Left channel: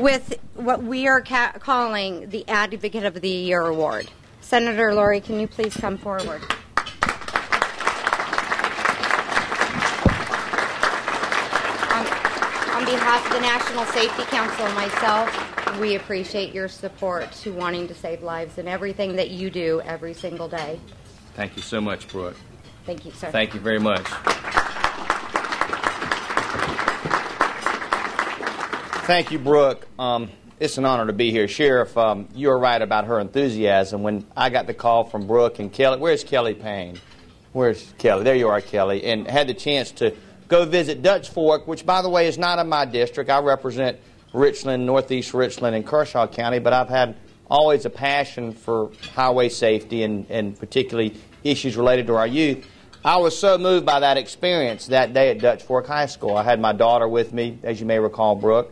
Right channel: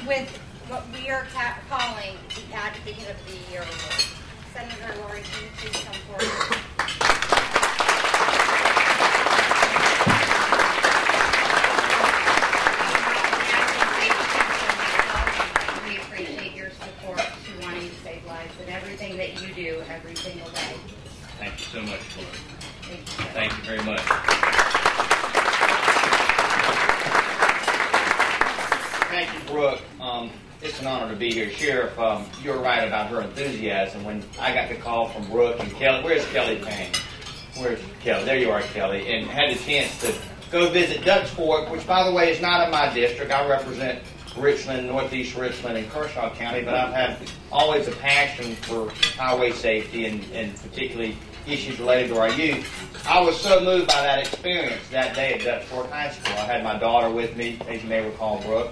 with what we are calling the Advocate of the Year Award. Senator Lourie, can you please come forward? On behalf of the National Safety Council and myself, we appreciate your support to wanting to save lives and everything that you do every single day. Thank you so much, Brooke. Thank you, sir. Thank you very much. Thank you, Brooke. It's an honor to be here. Sheriff, you're right about her enthusiasm. When I got the call from Brooke and Kelly, where's Kelly Payne? Where's Kelly? There you are, Kelly. And had the chance to go visit Dutch Fork, which, by the way, is not in my district. I represent Richland, Northeast Richland, and Kershaw County, but I've had always a passion for highway safety and particularly issues related to our youth. I was so moved by that experience that day at Dutch Fork High School. I had my daughter with me, as you may recall, Brooke,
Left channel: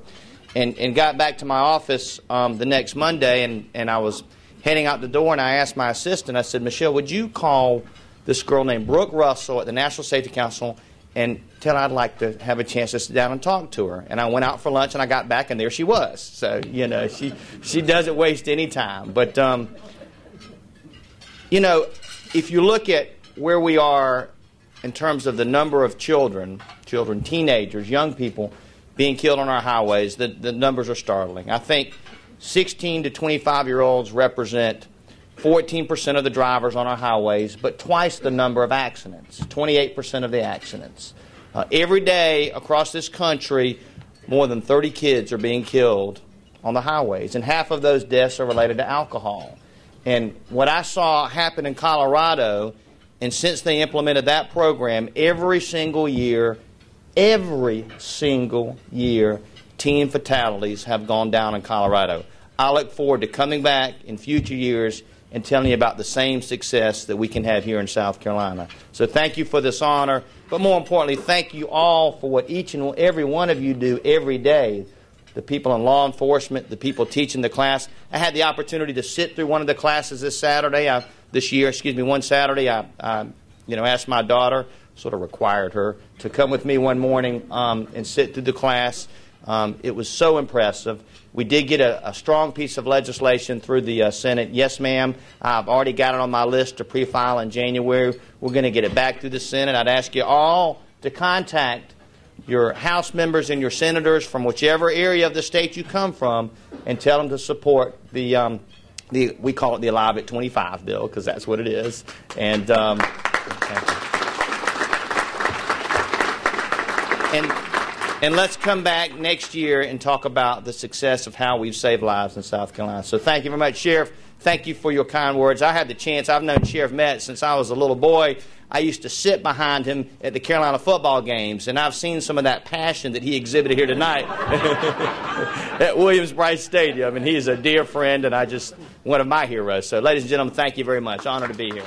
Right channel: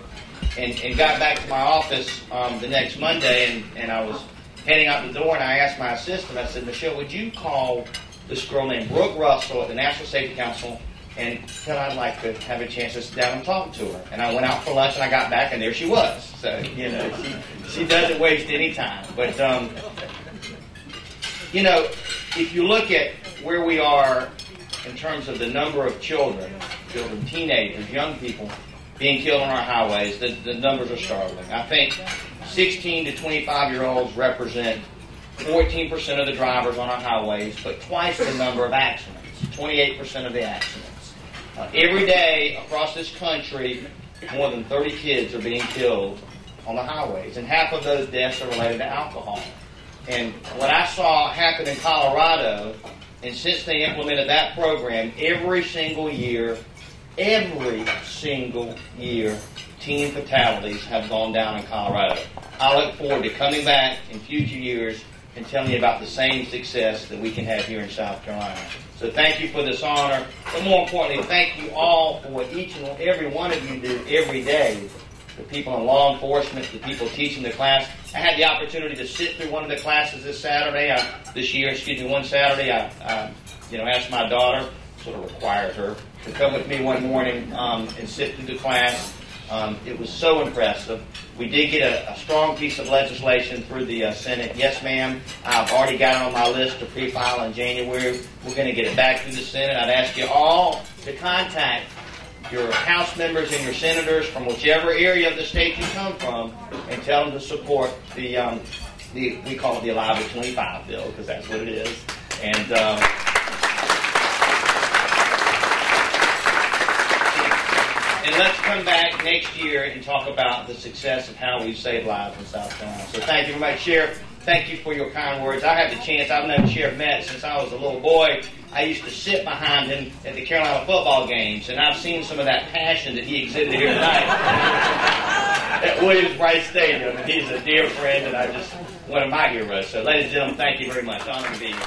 and got back to my office the next Monday, and I was heading out the door, and I asked my assistant, I said, Michelle, would you call this girl named Brooke Russell at the National Safety Council and tell her I'd like to have a chance to sit down and talk to her. And I went out for lunch, and I got back, and there she was. So, you know, she doesn't waste any time. But, you know, if you look at where we are in terms of the number of children, teenagers, young people being killed on our highways, the numbers are startling. I think 16 to 25-year-olds represent 14% of the drivers on our highways, but twice the number of accidents, 28% of the accidents. Every day across this country, more than 30 kids are being killed on the highways, and half of those deaths are related to alcohol. And what I saw happen in Colorado, and since they implemented that program, every single year, teen fatalities have gone down in Colorado. I look forward to coming back in future years and telling you about the same success that we can have here in South Carolina. So thank you for this honor, but more importantly, thank you all for what each and every one of you do every day. The people in law enforcement, the people teaching the class. I had the opportunity to sit through one of the classes one Saturday. I asked my daughter, sort of required her, to come with me one morning and sit through the class. It was so impressive. We did get a strong piece of legislation through the Senate. Yes, ma'am. I've already got it on my list to pre-file in January. We're going to get it back through the Senate. I'd ask you all to contact your House members and your senators from whichever area of the state you come from and tell them to support we call it the Alive at 25 bill, because that's what it is. And let's come back next year and talk about the success of how we've saved lives in South Carolina. So thank you very much, Sheriff. Thank you for your kind words. I had the chance, I've known Sheriff Metz since I was a little boy. I used to sit behind him at the Carolina football games, and I've seen some of that passion that he exhibited here tonight at Williams-Brice Stadium, and he's a dear friend and one of my heroes. So ladies and gentlemen, thank you very much. Honor to be here.